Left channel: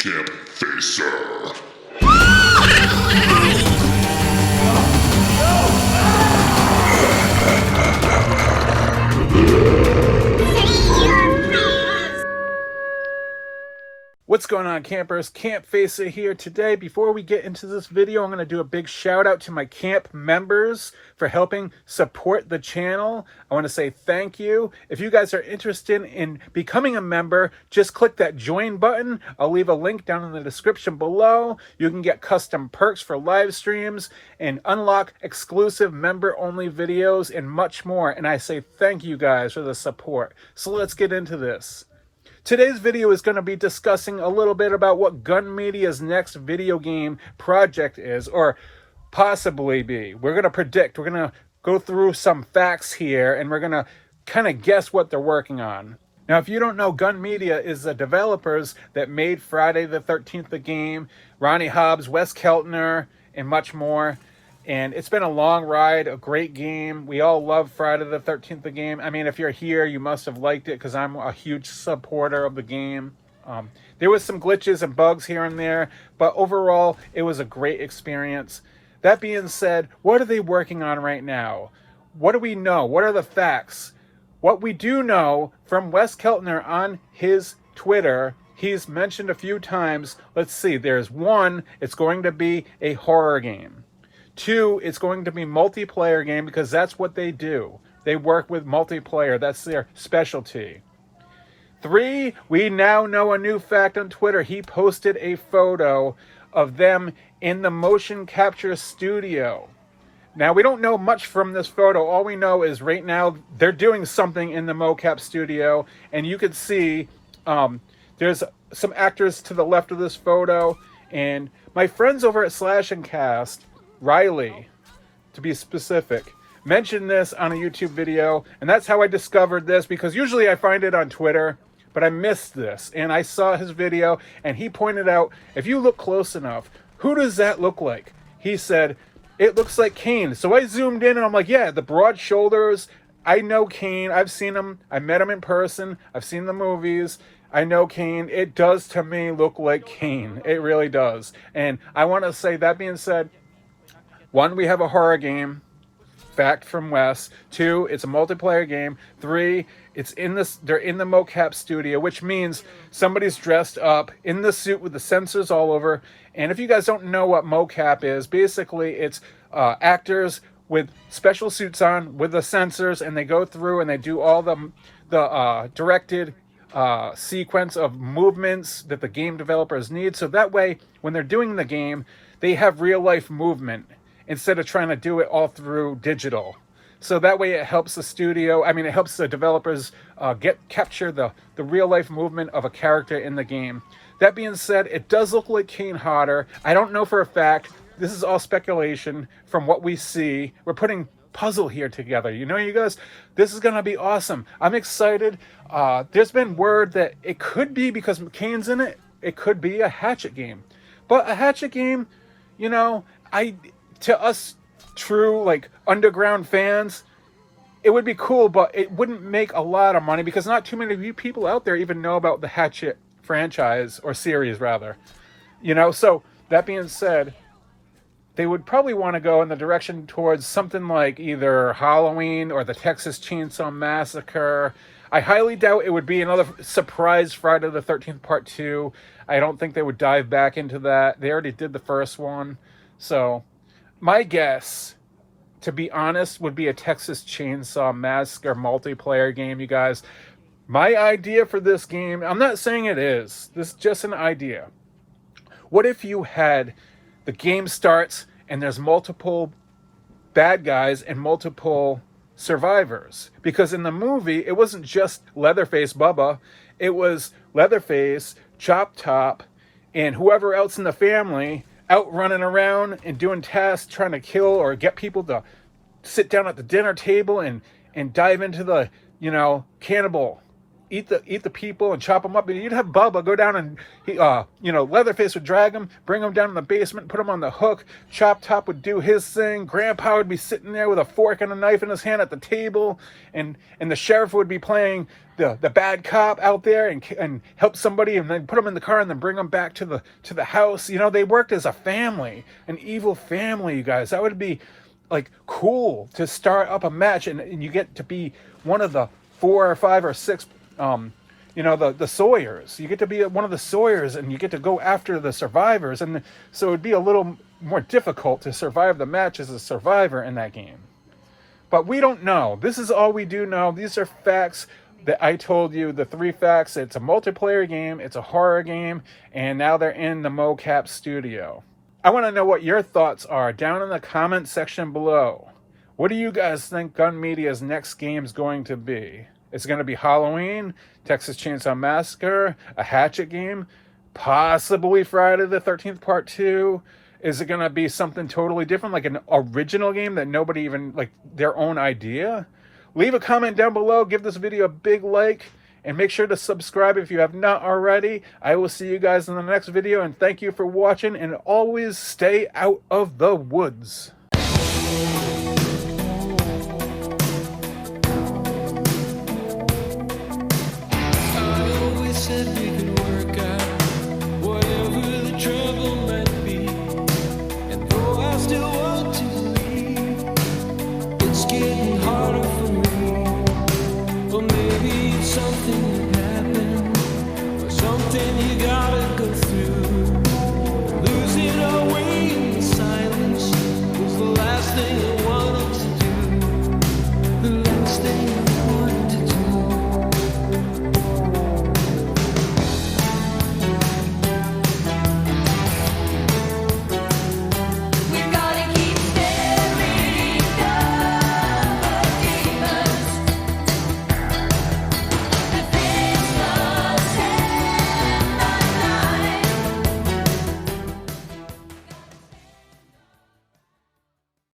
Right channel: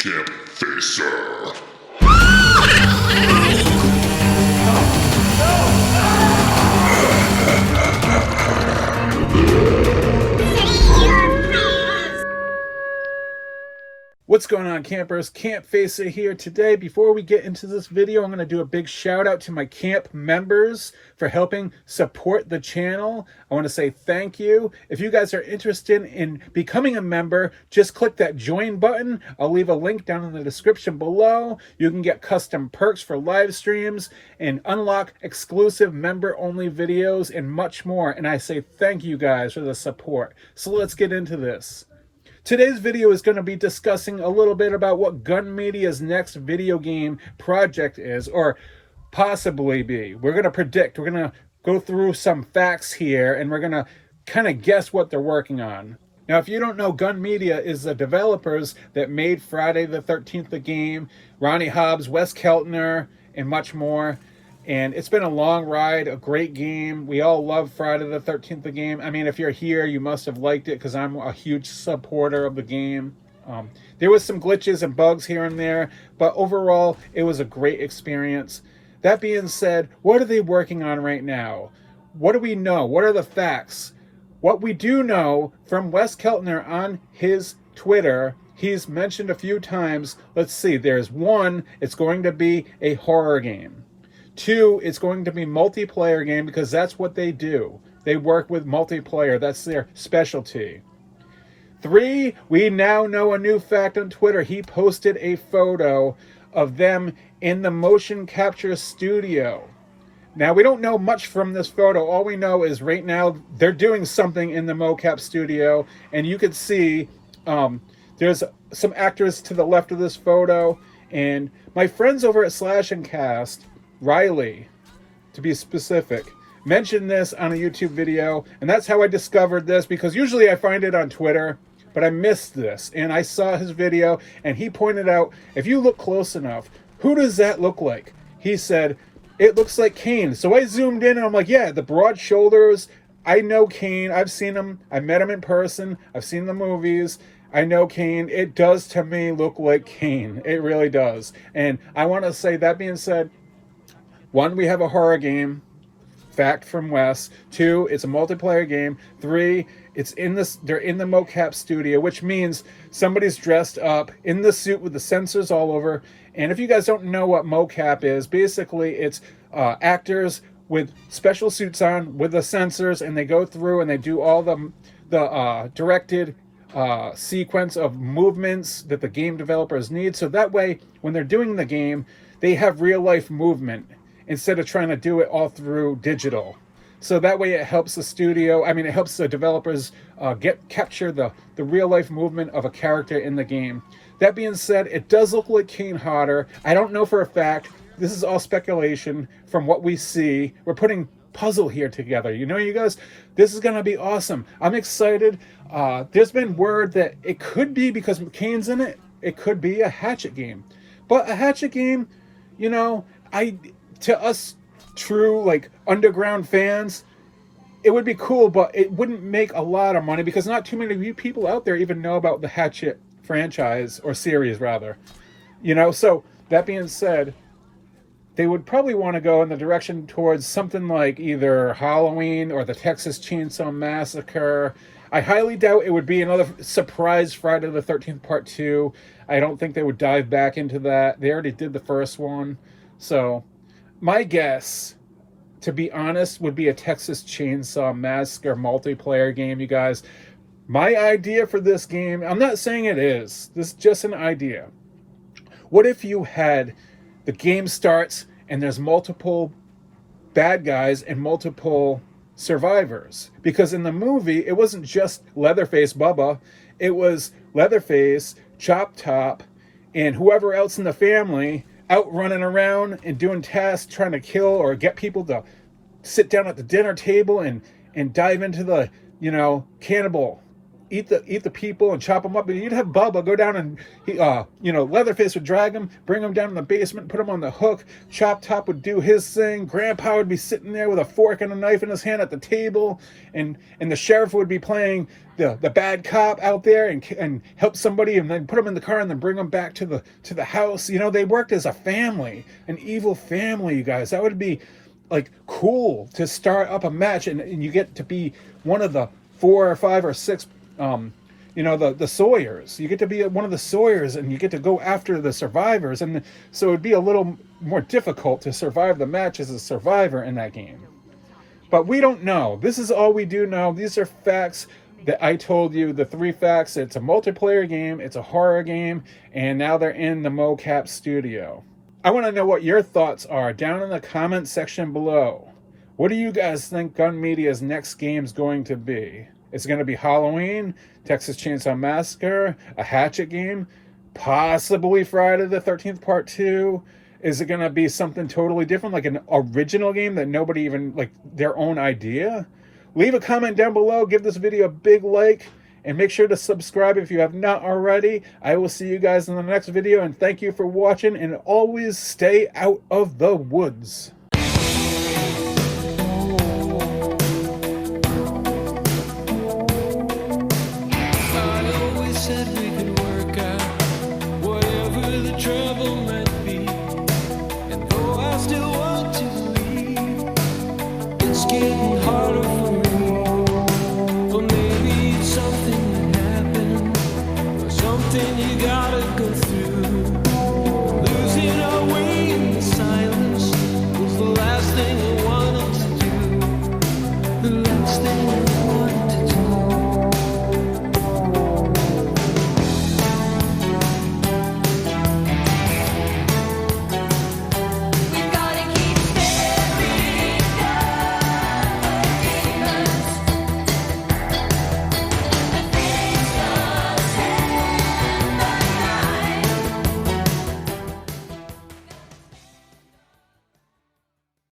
Campfacer. What's going on, campers? Campfacer here today. Before we get into this video, I'm going to do a big shout out to my camp members for helping support the channel. I want to say thank you. If you guys are interested in becoming a member, just click that join button. I'll leave a link down in the description below. You can get custom perks for live streams and unlock exclusive member-only videos and much more. And I say thank you guys for the support. So let's get into this. Today's video is going to be discussing a little bit about what Gun Media's next video game project is, or possibly be. We're going to predict. We're going to go through some facts here, and we're going to kind of guess what they're working on. Now, if you don't know, Gun Media is the developers that made Friday the 13th the game, Ronnie Hobbs, Wes Keltner, and much more. And it's been a long ride, a great game. We all love Friday the 13th the game. I mean, if you're here, you must have liked it because I'm a huge supporter of the game. There was some glitches and bugs here and there, but overall, it was a great experience. That being said, what are they working on right now? What do we know? What are the facts? What we do know from Wes Keltner on his Twitter, he's mentioned a few times. Let's see, there's one, it's going to be a horror game. 2, it's going to be multiplayer game because that's what they do. They work with multiplayer. That's their specialty. 3, we now know a new fact on Twitter. He posted a photo of them in the motion capture studio. Now, we don't know much from this photo. All we know is right now they're doing something in the MoCap studio. And you can see there's some actors to the left of this photo. And my friends over at Slash and Cast, Riley, to be specific, mentioned this on a YouTube video, and that's how I discovered this, because usually I find it on Twitter, but I missed this, and I saw his video, and he pointed out, if you look close enough, who does that look like? He said, it looks like Kane. So I zoomed in, and I'm like, yeah, the broad shoulders, I know Kane, I've seen him, I met him in person, I've seen the movies, I know Kane. It does to me look like Kane. It really does. And I want to say, that being said, 1, we have a horror game, fact from Wes. 2, it's a multiplayer game. 3, they're in the MoCap studio, which means somebody's dressed up in the suit with the sensors all over. And if you guys don't know what MoCap is, basically it's actors with special suits on with the sensors, and they go through and they do all the directed sequence of movements that the game developers need. So that way, when they're doing the game, they have real life movement instead of trying to do it all through digital. So that way it helps the studio, it helps the developers capture the real life movement of a character in the game. That being said, it does look like Kane Hodder. I don't know for a fact. This is all speculation from what we see. We're putting puzzle here together. You know, you guys, this is going to be awesome. I'm excited. There's been word that it could be, because Kane's in it, it could be a Hatchet game. But a Hatchet game, to us true underground fans, it would be cool, but it wouldn't make a lot of money because not too many of you people out there even know about the Hatchet franchise, or series rather. So that being said, they would probably want to go in the direction towards something like either Halloween or the Texas Chainsaw Massacre. I highly doubt it would be another surprise Friday the 13th Part 2. I don't think they would dive back into that. They already did the first one. So my guess, to be honest, would be a Texas Chainsaw Massacre multiplayer game, you guys. My idea for this game, I'm not saying it is. This is just an idea. What if you had, the game starts and there's multiple bad guys and multiple survivors? Because in the movie, it wasn't just Leatherface Bubba. It was Leatherface, Chop Top, and whoever else in the family out running around and doing tasks, trying to kill or get people to sit down at the dinner table and dive into the, cannibal eat the people and chop them up. And you'd have Bubba go down and Leatherface would drag him, bring him down in the basement, put him on the hook. Chop Top would do his thing. Grandpa would be sitting there with a fork and a knife in his hand at the table, and the sheriff would be playing the bad cop out there and help somebody, and then put them in the car and then bring them back to the house. They worked as a family, an evil family, you guys. That would be like cool to start up a match, and you get to be one of the 4 or 5 or 6 the Sawyers. You get to be one of the Sawyers, and you get to go after the survivors, and so it'd be a little more difficult to survive the match as a survivor in that game. But we don't know. This is all we do know. These are facts that I told you, the 3 facts. It's a multiplayer game, it's a horror game, and now they're in the MoCap studio. I want to know what your thoughts are down in the comment section below. What do you guys think Gun Media's next game is going to be? Is it going to be Halloween, Texas Chainsaw Massacre, a Hatchet game, possibly Friday the 13th Part 2? Is it going to be something totally different, like an original game that nobody even, like their own idea? Leave a comment down below, give this video a big like, and make sure to subscribe if you have not already. I will see you guys in the next video, and thank you for watching, and always stay out of the woods.